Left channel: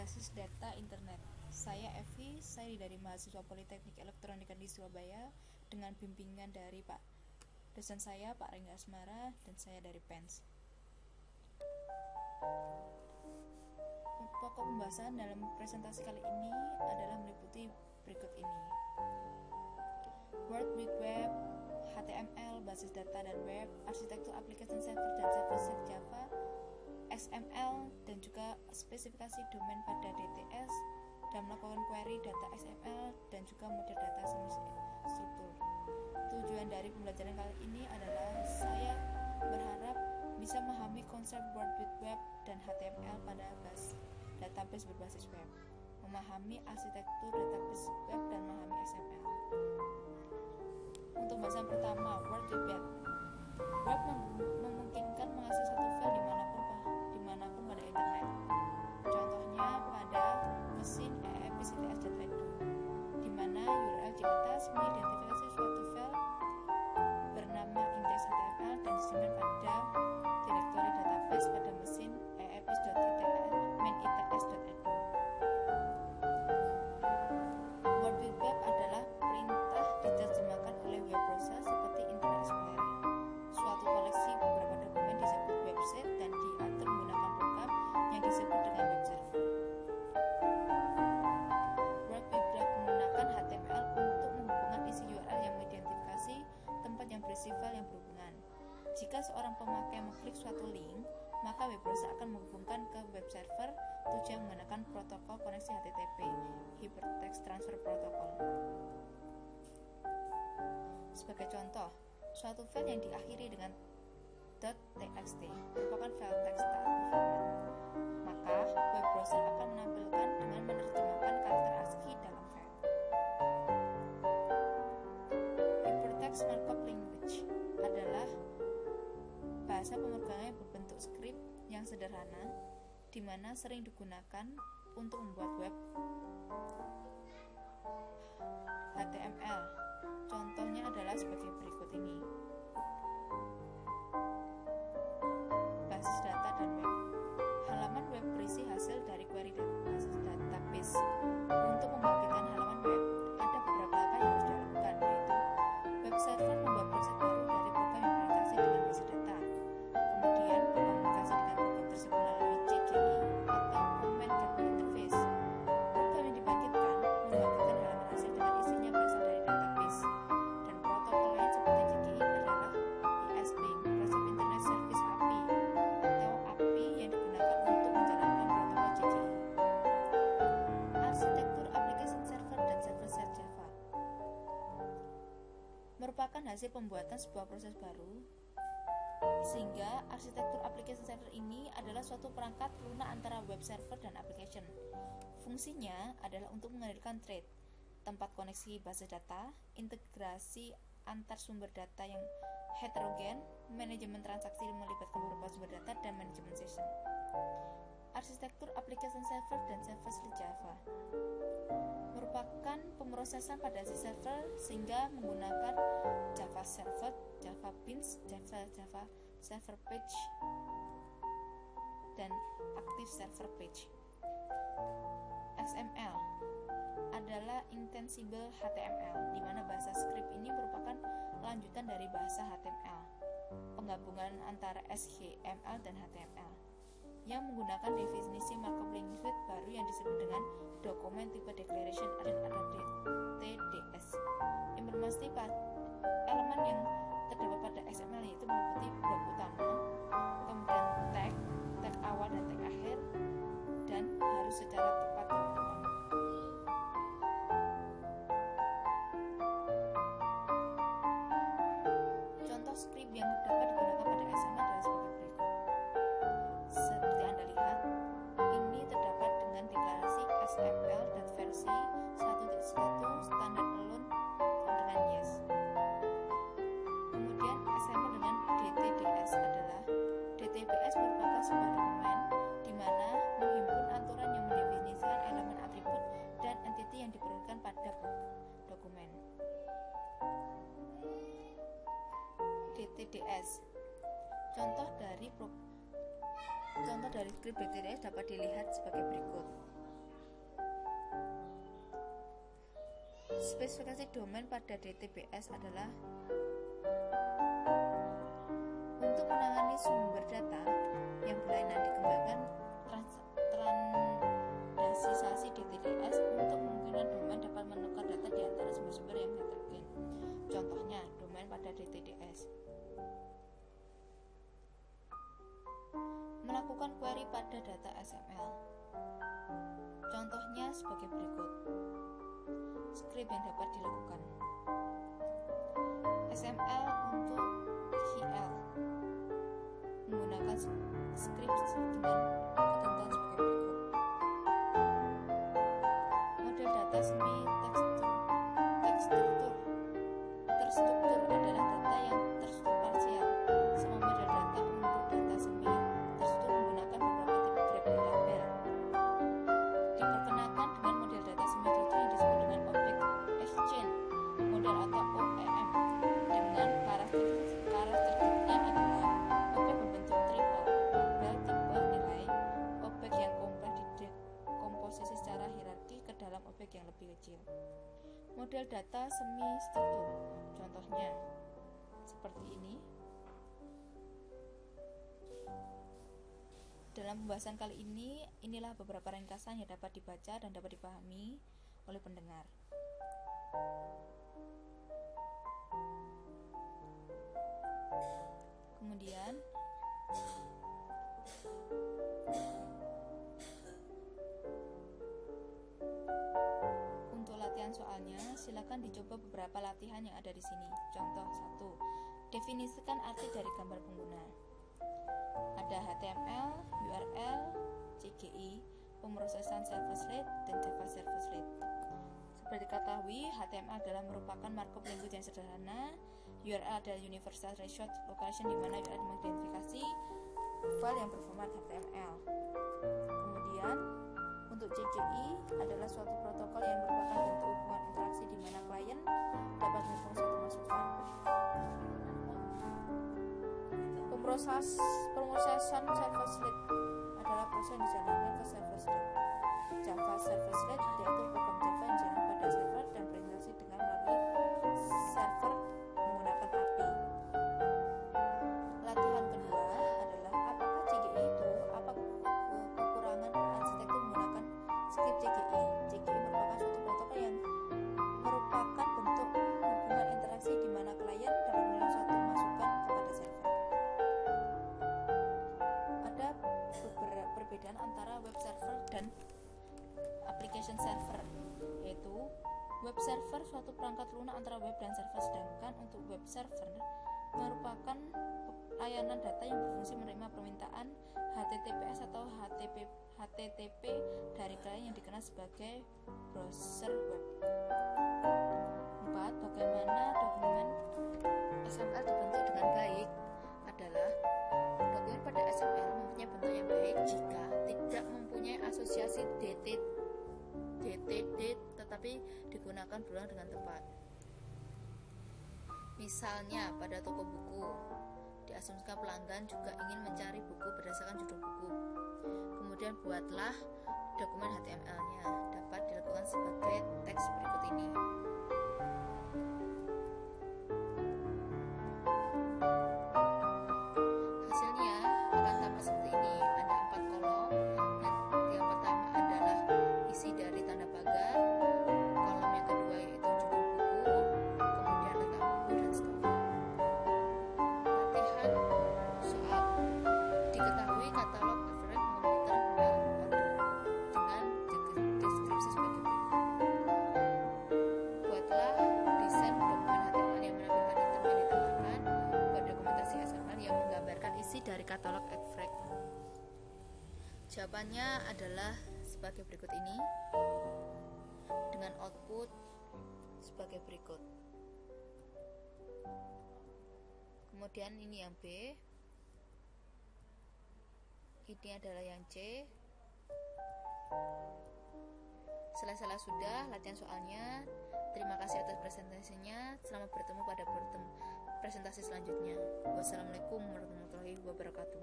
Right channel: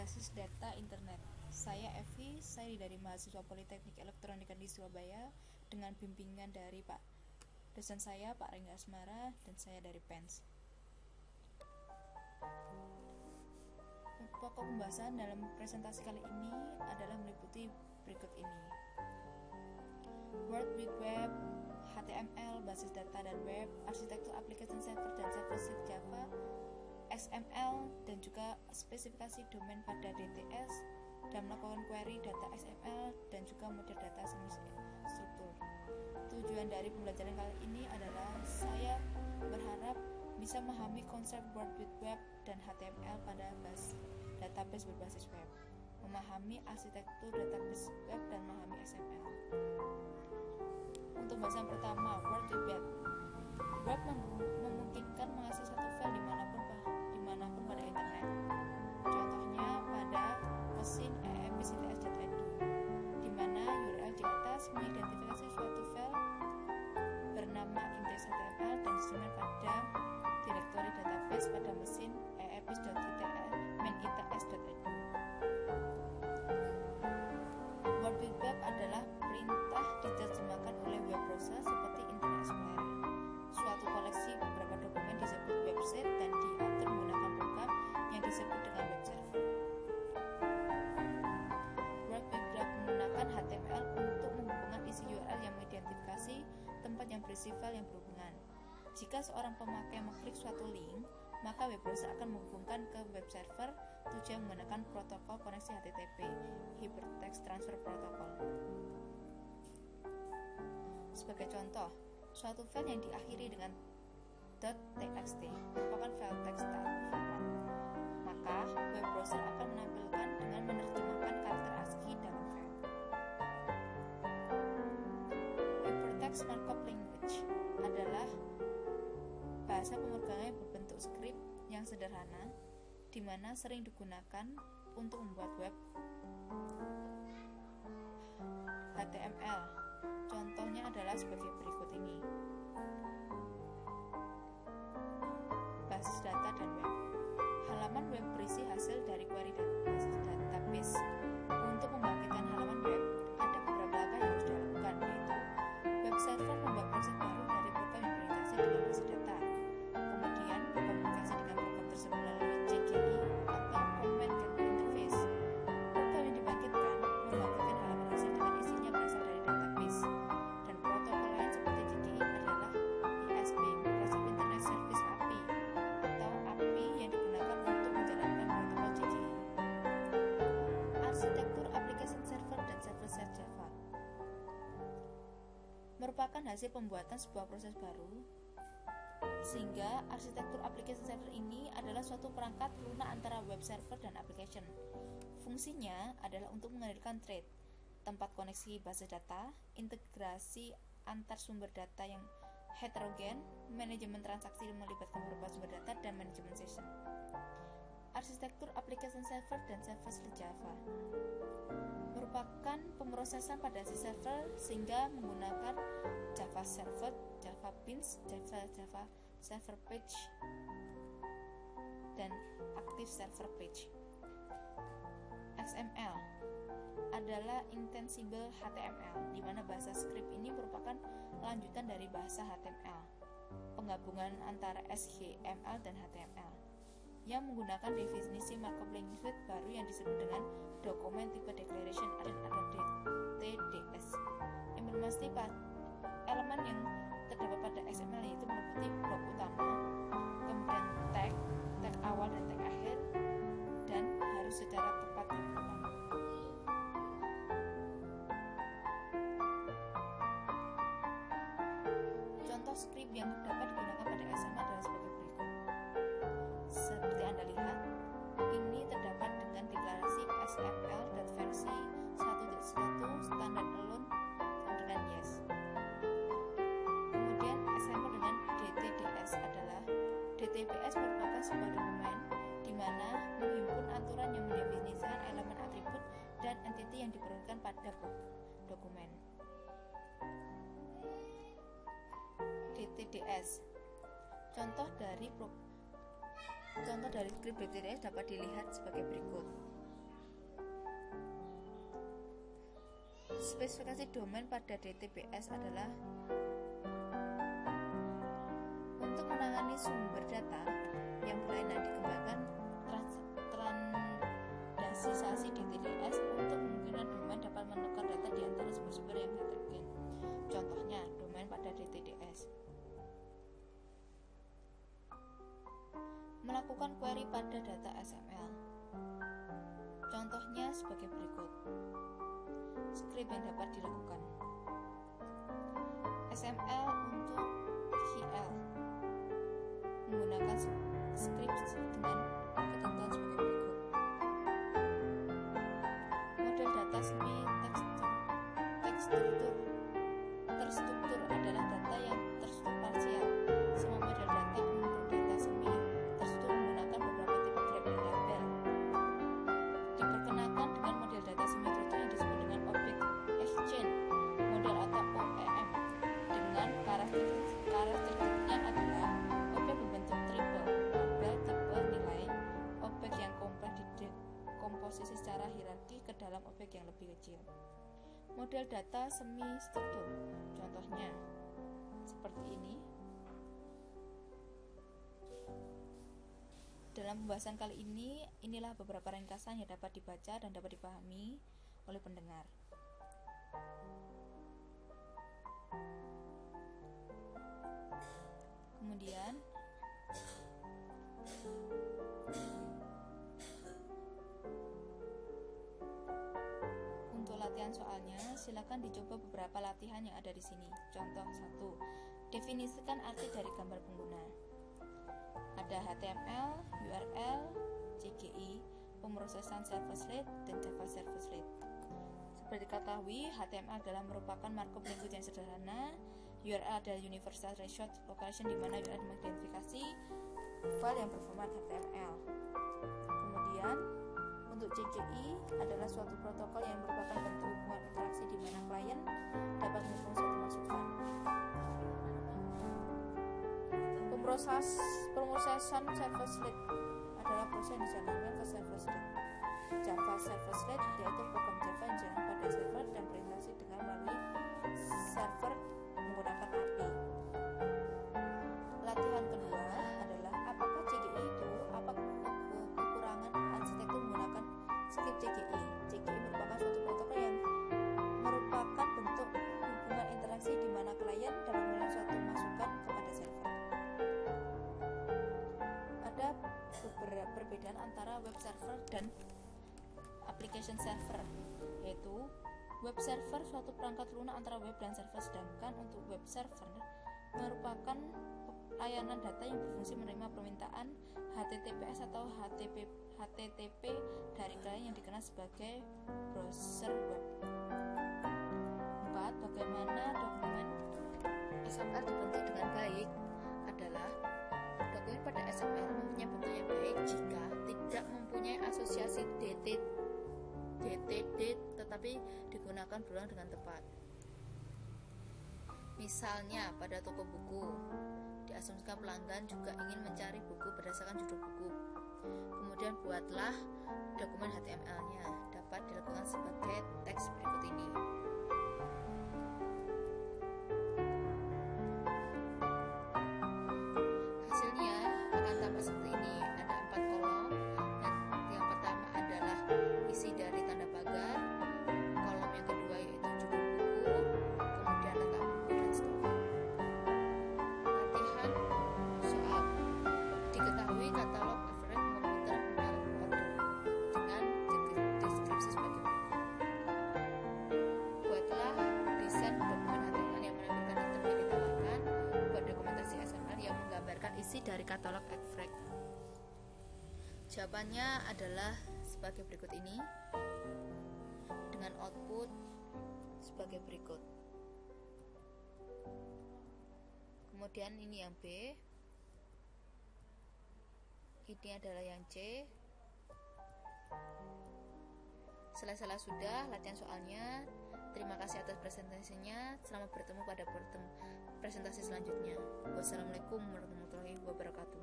Basis Data Internet. Saya Evi, saya dari mahasiswa Politeknik Elektronika di Surabaya dengan bimbingan dari Pak dosen saya, Pak Rengga Asmara, dan saya dari PENS. Pokok pembahasan dalam presentasi kali ini adalah meliputi berikut ini: World Wide Web, HTML, basis data dan web, arsitektur application server dan server-side Java, XML, dan juga spesifikasi domain pada DTS, dan melakukan query data XML, dan juga model data semi-struktur. Tujuan dari pembelajaran kali ini adalah saya berharap bisa memahami konsep World Wide Web dan HTML pada database berbasis web, memahami arsitektur database web, dan memahami XML. Untuk bahasan pertama, World Wide Web. Web memungkinkan mengakses satu file dimanapun pada internet. Contohnya pada mesin eepis.its.edu, di mana URL di atas mengidentifikasi suatu file bernama index.html dan disimpan pada direktori database pada mesin eepis.its.edu. World Wide Web adalah perintah diterjemahkan oleh web browser seperti Internet Explorer. Suatu koleksi beberapa dokumen disebut website dan diatur menggunakan program yang disebut dengan web server. World Wide Web menggunakan HTML untuk menghubungkan isi URL yang mengidentifikasi tempat yang berisi file yang berhubungan. Jika seorang pemakai mengklik suatu link, maka web browser akan menghubungkan ke web server tujuan menggunakan protokol koneksi HTTP, Hypertext Transfer Protocol. Sebagai contoh, suatu file yang diakhiri dengan .txt merupakan file teks tak berformat. Maka web browser akan menampilkan dengan menerjemahkan karakter ASCII dalam file. Hypertext Markup Language adalah bahasa pemrograman berbentuk skrip yang sederhana, di mana sering digunakan untuk membuat web. HTML contohnya adalah sebagai berikut ini: basis data dan web. Halaman web berisi hasil dari query basis database. Untuk membangkitkan halaman web, ada beberapa langkah yang harus dilakukan, yaitu web server membuat proses baru dari program yang berinteraksi dengan basis data, kemudian berkomunikasi dengan program tersebut melalui CGI atau Command Gateway Interface. Program yang dibangkitkan membangkitkan halaman hasil dengan isinya berasal dari database, dan protokol lain seperti CGI adalah ISP, Microsoft Internet Service API, atau API yang digunakan untuk menjalankan protokol CGI. Arsitektur application server dan server-side Java merupakan hasil pembuatan sebuah proses baru, sehingga arsitektur application server ini adalah suatu perangkat lunak antara web server dan application. Fungsinya adalah untuk menghadirkan thread, tempat koneksi basis data, integrasi antar sumber data yang heterogen, manajemen transaksi melibatkan beberapa sumber data, dan manajemen session. Arsitektur application server dan server-side Java merupakan pemrosesan pada si server sehingga menggunakan Java Server, Java Beans, Java Server Page, dan Active Server Page. XML adalah Extensible HTML, di mana bahasa script ini merupakan lanjutan dari bahasa HTML, penggabungan antara HTML dan HTML, yang menggunakan definisi markup language baru yang disebut dengan Document Type Declaration atau DTDS. Informasi elemen yang terdapat pada XML yaitu meliputi blok utama, kemudian tag awal dan tag akhir, dan harus secara tepat diulang. Contoh script yang dapat digunakan pada XML adalah sebagai berikut. Seperti Anda lihat, ini terdapat dengan deklarasi XML versi 1.1 standar alone sama dengan yes. Kemudian XML dengan DTDS adalah DTBS merupakan sebuah dokumen di mana menghimpun aturan yang mendefinisikan elemen atribut dan entiti yang diperlukan pada dokumen. DTDS. Contoh dari script DTDS dapat dilihat sebagai berikut. Spesifikasi domain pada DTBS adalah untuk menangani sumber data yang berlainan, dikembangkan transdasisasi DTDS untuk memungkinkan domain dapat menukar data di antara sumber-sumber yang heterogen. Contohnya, domain pada DTDS melakukan query pada data XML. Contohnya sebagai berikut. Script yang dapat dilakukan. XML untuk GL menggunakan script dengan ketentuan sebagai berikut. Model data semi terstruktur adalah data yang terstruktur parsial. Semua model data untuk data semi terstruktur menggunakan beberapa tipe grep label. Diperkenalkan dengan model data semi terstruktur yang disebut dengan Object Exchange Model atau OEM. Dengan karakteristiknya adalah objek berbentuk triple label tipe nilai, objek yang kompleks didekomposisi secara hierarki ke dalam objek yang lebih kecil. Model data semi struktur, contohnya seperti ini. Dalam pembahasan kali ini, inilah beberapa ringkasan yang dapat dibaca dan dapat dipahami oleh pendengar. Kemudian untuk latihan soalnya, silakan dicoba beberapa latihan yang ada di sini. Contoh 1. Definisikan arti dari gambar pengguna. Ada HTML, URL, CGI, pemrosesan service rate, dan Java service rate. Seperti diketahui, HTML adalah merupakan markup language yang sederhana. URL adalah Universal Result Location, di mana URL mengidentifikasi file yang berformat HTML. Kemudian untuk CGI adalah suatu protokol yang merupakan bentuk hubungan interaksi di mana klien dapat menghukum suatu masukan. Pemrosesan service rate adalah proses yang dijalankan ke service rate. Java service rate yaitu program Java yang dijalankan pada server dan berinteraksi dengan melalui server menggunakan API. Latihan kedua adalah apakah CGI itu apa kekurangan arsitektur menggunakan script CGI. CGI merupakan suatu protokol yang merupakan bentuk hubungan interaksi di mana klien dapat memberikan suatu masukan kepada server. Ada beberapa perbedaan antara web server dan application server, yaitu web server suatu perangkat lunak antara web dan server, sedangkan untuk web server merupakan layanan data yang berfungsi menerima permintaan HTTPS atau HTTP dari klien yang dikenal sebagai browser web. 4. Bagaimana dokumen XML dibentuk dengan baik adalah dokumen pada XML mempunyai bentuk yang baik jika tidak mempunyai asosiasi DTD tetapi digunakan berulang dengan tepat. Misalnya pada toko buku, diasumsikan pelanggan juga ingin mencari buku berdasarkan judul buku. Kemudian buatlah dokumen HTML-nya, dapat dilakukan sebagai teks berikut ini. Hasilnya akan tampak seperti ini. Ada 4 kolom. Yang pertama adalah isi dari tanda pagar. Kolom yang kedua yaitu judul buku, kemudian letak buku dan stok. Latihan soal. Diketahui katalog average komputer mail order dengan deskripsi sebagai berikut. Buatlah desain dokumen HTML yang menampilkan item yang ditawarkan. Buat dokumentasi XML yang menggambarkan isi dari katalog average. Jawabannya adalah sebagai berikut ini, dengan output sebagai berikut. Kemudian ini yang B, ini adalah yang C. Selesai sudah latihan soalnya. Terima kasih atas presentasinya. Selamat bertemu pada presentasi selanjutnya. Wassalamualaikum warahmatullahi wabarakatuh.